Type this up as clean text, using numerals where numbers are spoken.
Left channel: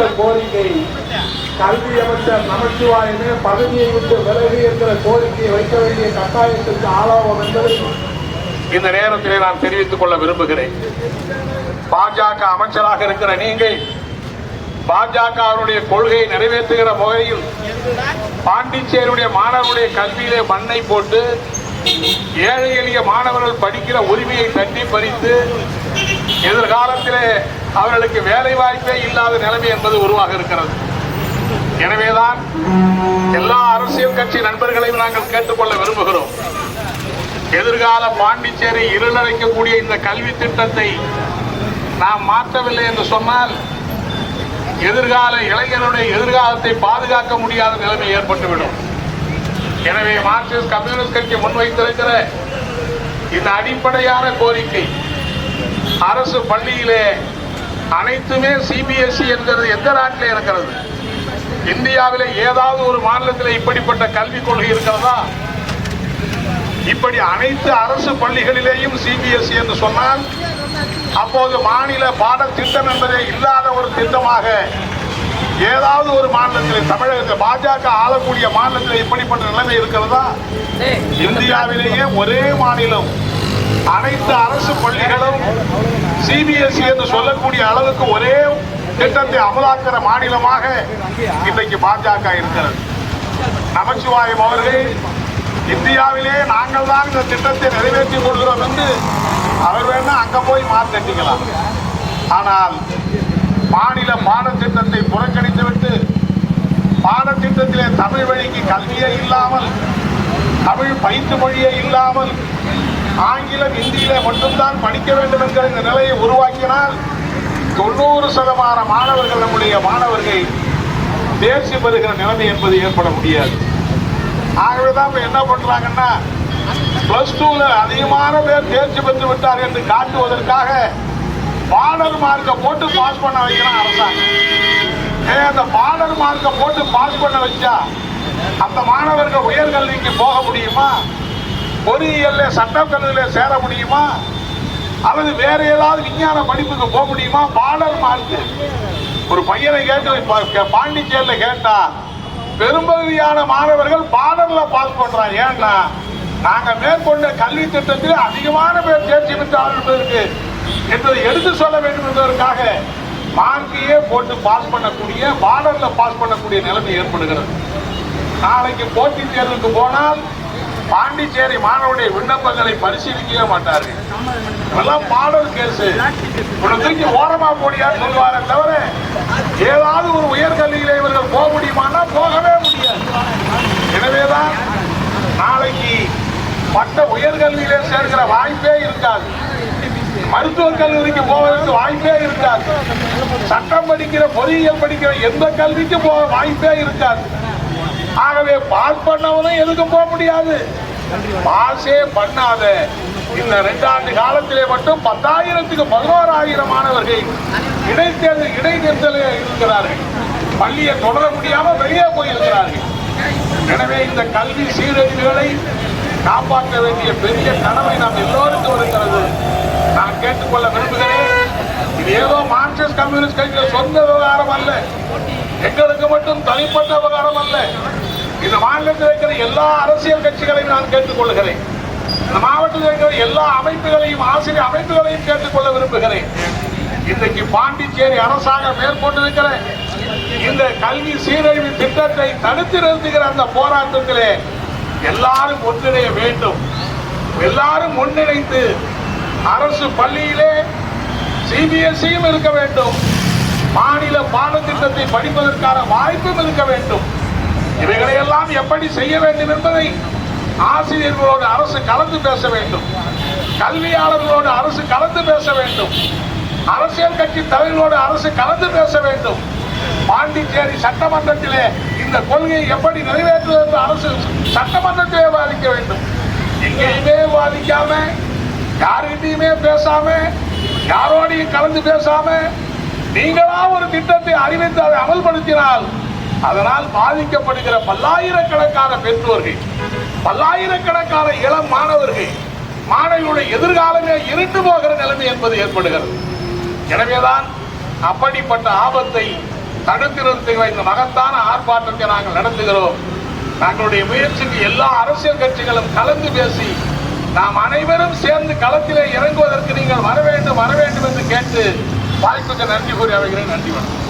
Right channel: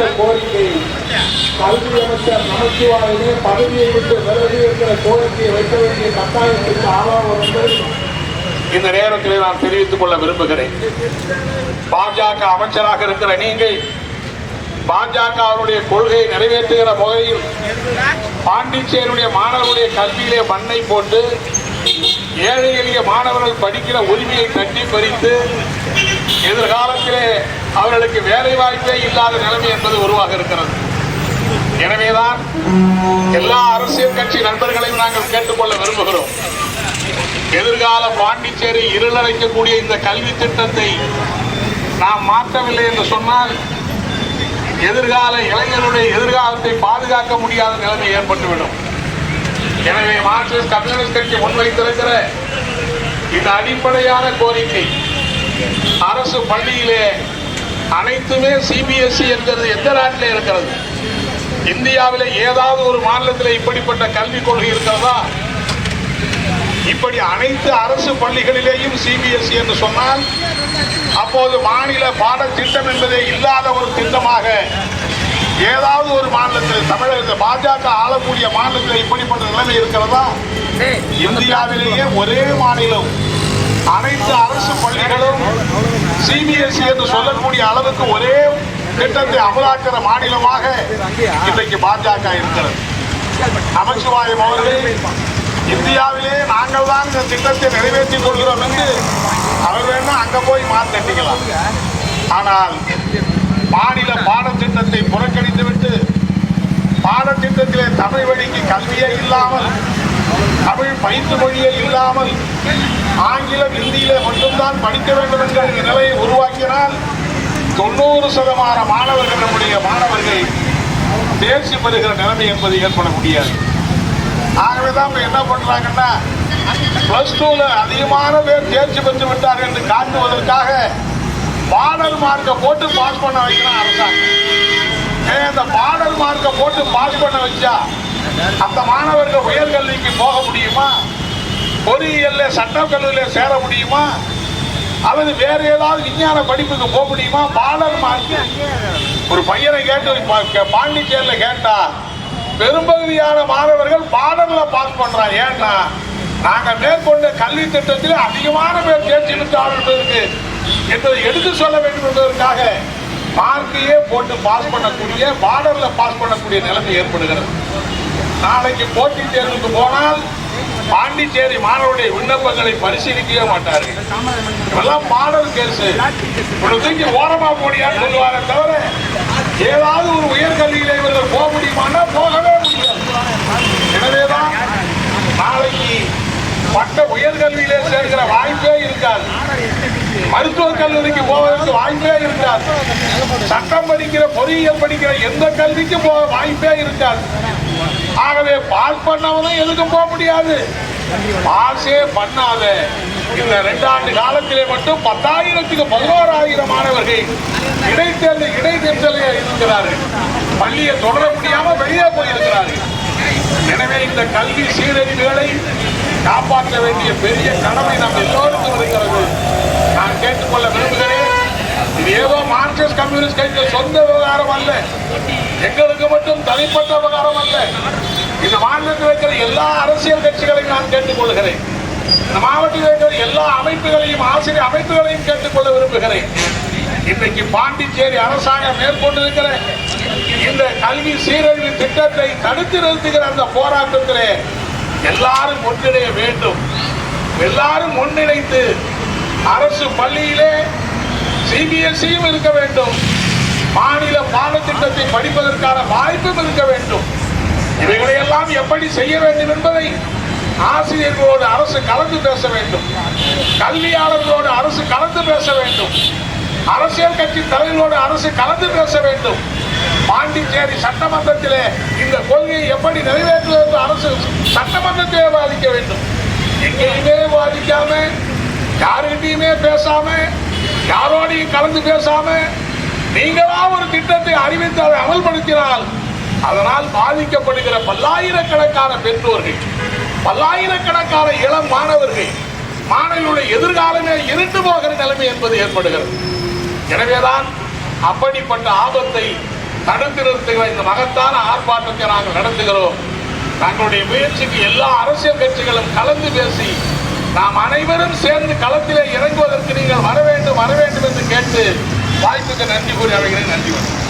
அடுத்த கோரிக்கை கல்வி அமைச்சர் நமச்சிவாயனே பதவியை விட்டு விலகி என்கிற கோரிக்கையை வைக்க வேண்டிய கட்டாயத்திற்கு ஆளாகும் என்பதை இந்த நேரத்திலே நான் தெரிவித்துக் கொள்ள விரும்புகிறேன். பாஜக அமைச்சராக இருக்கிற நீங்கள் பாஜகவுடைய கொள்கையை நிறைவேற்றுகிற வகையில் பாண்டிச்சேரியுடைய மாணவர்களுடைய கல்வியிலே மண்ணை போட்டு ஏழை எளிய மாணவர்கள் படிக்கிற உரிமையை தட்டி பறித்து எதிர்காலத்திலே அவர்களுக்கு வேலை வாய்ப்பே இல்லாத நிலைமை என்பது உருவாக இருக்கிறது. எனவேதான் எல்லா அரசியல் கட்சி நண்பர்களையும் நாங்கள் கேட்டுக்கொள்ள விரும்புகிறோம். எதிர்கால பாண்டிச்சேரி இருளடைக்கக்கூடிய இந்த கல்வி திட்டத்தை நாம் மாற்றவில்லை என்று சொன்னால் எதிர்கால இளைஞருடைய எதிர்காலத்தை பாதுகாக்க முடியாத நிலைமை ஏற்பட்டுவிடும். எனவே மார்க்சிஸ்ட் கம்யூனிஸ்ட் கட்சி முன்வைத்திருக்கிற இந்த அடிப்படையான கோரிக்கை அரசு பள்ளியிலே அனைத்துமே சிபிஎஸ்இ என்கிறது எந்த நாட்டில் இருக்கிறது? இந்தியாவில் ஏதாவது ஒரு மாநிலத்தில் இப்படிப்பட்ட கல்விக் கொள்கை இருக்கிறதா? இப்படி அனைத்து அரசு பள்ளிகளிலேயும் சிபிஎஸ்இ என்று சொன்னால் அப்போது மாநில பாடத்திட்டம் என்பதே இல்லாத ஒரு திட்டமாக ஏதாவது ஒரு மாநிலத்தில் தமிழகத்தில் பாஜக ஆளக்கூடிய மாநிலத்தில் இப்படிப்பட்ட நிலைமை இருக்கிறதா? இந்தியாவிலேயே ஒரே மாநிலம் அனைத்து அரசு பள்ளிகளும் சிபிஎஸ்இ என்று சொல்லக்கூடிய அளவுக்கு ஒரே திட்டத்தை அமலாக்கிற மாநிலமாக இன்றைக்கு பாஜக இருக்கிறது. நமச்சிவாயம் அவர்கள் இந்தியாவிலே நாங்கள் தான் இந்த திட்டத்தை நிறைவேற்றிக் கொள்கிறோம் என்று அவர் வேணா அங்க போய் மாற்றிக்கலாம். ஆனால் மாநில பாடத்திட்டத்தை புறக்கணித்துவிட்டு பாடத்திட்டத்திலே தமிழ் வழிக்கு கல்வியே இல்லாமல் தமிழ் பயிற்று மொழியே இல்லாமல் ஆங்கிலம் இந்தியிலே மட்டும்தான் படிக்க வேண்டும் என்கிற இந்த நிலையை உருவாக்கினால் 90% மாணவர்கள் நம்முடைய மாணவர்கள் தேர்ச்சி பெறுகிற நிலைமை என்பது ஏற்பட முடியாது. ஆகவேதான் என்ன பண்றாங்கன்னா +2 அதிகமான பேர் தேர்ச்சி பெற்று விட்டார்கள் என்று காட்டுவதற்காக பார்டர் மார்க்கை போட்டு பாஸ் பண்ண வைக்கிறான் அரசாங்கம். அந்த பார்டர் மார்க்கை போட்டு பாஸ் பண்ண வச்சா அந்த மாணவர்கள் உயர்கல்விக்கு போக முடியுமா? பொறியியல்ல சட்டக்கல்லூரியில சேர முடியுமா? அல்லது வேற ஏதாவது விஞ்ஞான படிப்புக்கு போக முடியுமா? பார்டர் மார்க் ஒரு பையனை கேட்டு பாண்டிச்சேரியில கேட்டா பெரும்பகுதியான மாணவர்கள் பார்டர்ல பாஸ் பண்றாங்க. ஏன்னா நாங்க மேற்கொண்ட கல்வி திட்டத்தில் அதிகமான பேர் தேர்ச்சி பெற்று என்பதை எடுத்து சொல்ல வேண்டும் என்பதற்காக மார்க்கையே போட்டு பாஸ் பண்ணக்கூடிய பார்டர்ல பாஸ் பண்ணக்கூடிய நிலைமை ஏற்படுகிறது. நாளைக்கு போட்டித் தேர்வுக்கு போனால் பாண்டிச்சேரி மாணவருடைய விண்ணப்பங்களை பரிசீலிக்கவே மாட்டார்கள். இதெல்லாம் பார்டர் கேஸ் தூக்கி ஓரமா போடியான்னு சொல்லுவாரே தவிர ஏதாவது ஒரு உயர்கல்வியில இவர்கள் போக முடியுமானா போகவே முடியாது. எனவேதான் நாளைக்கு பட்ட உயர்கல்வியிலே சேர்க்கிற வாய்ப்பே இருக்காது. மருத்துவக் கல்லூரிக்கு போவதற்கு வாய்ப்பே இருக்காது. சட்டம் படிக்கிற பொறியியல் படிக்கிற எந்த கல்விக்கு போக வாய்ப்பே இருக்காது. ஆகவே பாஸ் பண்ணவனும் எதுக்கும் போக முடியாது. பாஸே பண்ணாத இந்த 2 ஆண்டு காலத்திலே மட்டும் 10,000க்கு 11,000 மாணவர்கள் இடைத்தேர்தலில் இருக்கிறார்கள். பள்ளியை தொடர முடியாம வெளியே போயிருக்கிறார்கள். எனவே இந்த கல்வி சீரழிவுகளை காப்பாற்ற வேண்டிய பெரிய கடமை நாம் எல்லோருக்கும் இருக்கிறது. நான் கேட்டுக்கொள்ள விரும்புகிறேன். இது ஏதோ மார்க்சிஸ்ட் கம்யூனிஸ்ட் கட்சியின் சொந்த விவகாரம் அல்ல, எங்களுக்கு மட்டும் தனிப்பட்ட விவகாரம் அல்ல. இந்த மாநிலத்தில் இருக்கிற எல்லா அரசியல் கட்சிகளையும் நான் கேட்டுக்கொள்கிறேன். இந்த மாவட்டத்தில் இருக்கிற எல்லா அமைப்புகளையும் ஆசிரியர் அமைப்புகளையும் கேட்டுக்கொள்ள விரும்புகிறேன். இன்றைக்கு பாண்டிச்சேரி அரசாங்கம் மேற்கொண்டிருக்கிற இந்த கல்வி சீரழிவு திட்டத்தை தடுத்து நிறுத்துகிற அந்த போராட்டத்திலே எல்லாரும் ஒன்றிணைய வேண்டும். எல்லாரும் ஒன்றிணைத்து அரசு பள்ளியிலே சிபிஎஸ்இயும் இருக்க வேண்டும், மாநில பாடத்திட்டத்தை படிப்பதற்கான வாய்ப்பும் இருக்க வேண்டும். இவைகளையெல்லாம் எப்படி செய்ய வேண்டும் என்பதை ஆசிரியர்களோடு அரசு கலந்து பேச வேண்டும், கல்வியாளர்களோடு அரசு கலந்து பேச வேண்டும், அரசியல் கட்சி தலைவர்களோடு அரசு கலந்து பேச வேண்டும். பாண்டிச்சேரி சட்டமன்றத்திலே இந்த கொள்கையை எப்படி நிறைவேற்றுவது அரசு சட்டமன்றத்திலே விவாதிக்க வேண்டும். எங்கேயுமே விவாதிக்காம, யாருகிட்டையுமே பேசாம, யாரோடையும் கலந்து பேசாம நீங்களா ஒரு திட்டத்தை அறிவித்து அதை அமல்படுத்தினால் அதனால் பாதிக்கப்படுகிற பல்லாயிரக்கணக்கான பெற்றோர்கள், பல்லாயிரக்கணக்கான இளம் மாணவர்கள், மாணவர்களுடைய எதிர்காலமே இருண்டு போகிற நிலைமை என்பது ஏற்படுகிறது. எனவேதான் அப்படிப்பட்ட ஆபத்தை தடுத்து நிறுத்துகிற இந்த மகத்தான ஆர்ப்பாட்டத்தை நாங்கள் நடத்துகிறோம். தங்களுடைய முயற்சிக்கு எல்லா அரசியல் கட்சிகளும் கலந்து பேசி நாம் அனைவரும் சேர்ந்து களத்திலே இறங்குவதற்கு நீங்கள் வர வேண்டும் என்று கேட்டு வாய்ப்புக்கு நன்றி கூறி அமைகிறேன். நன்றி வணக்கம்.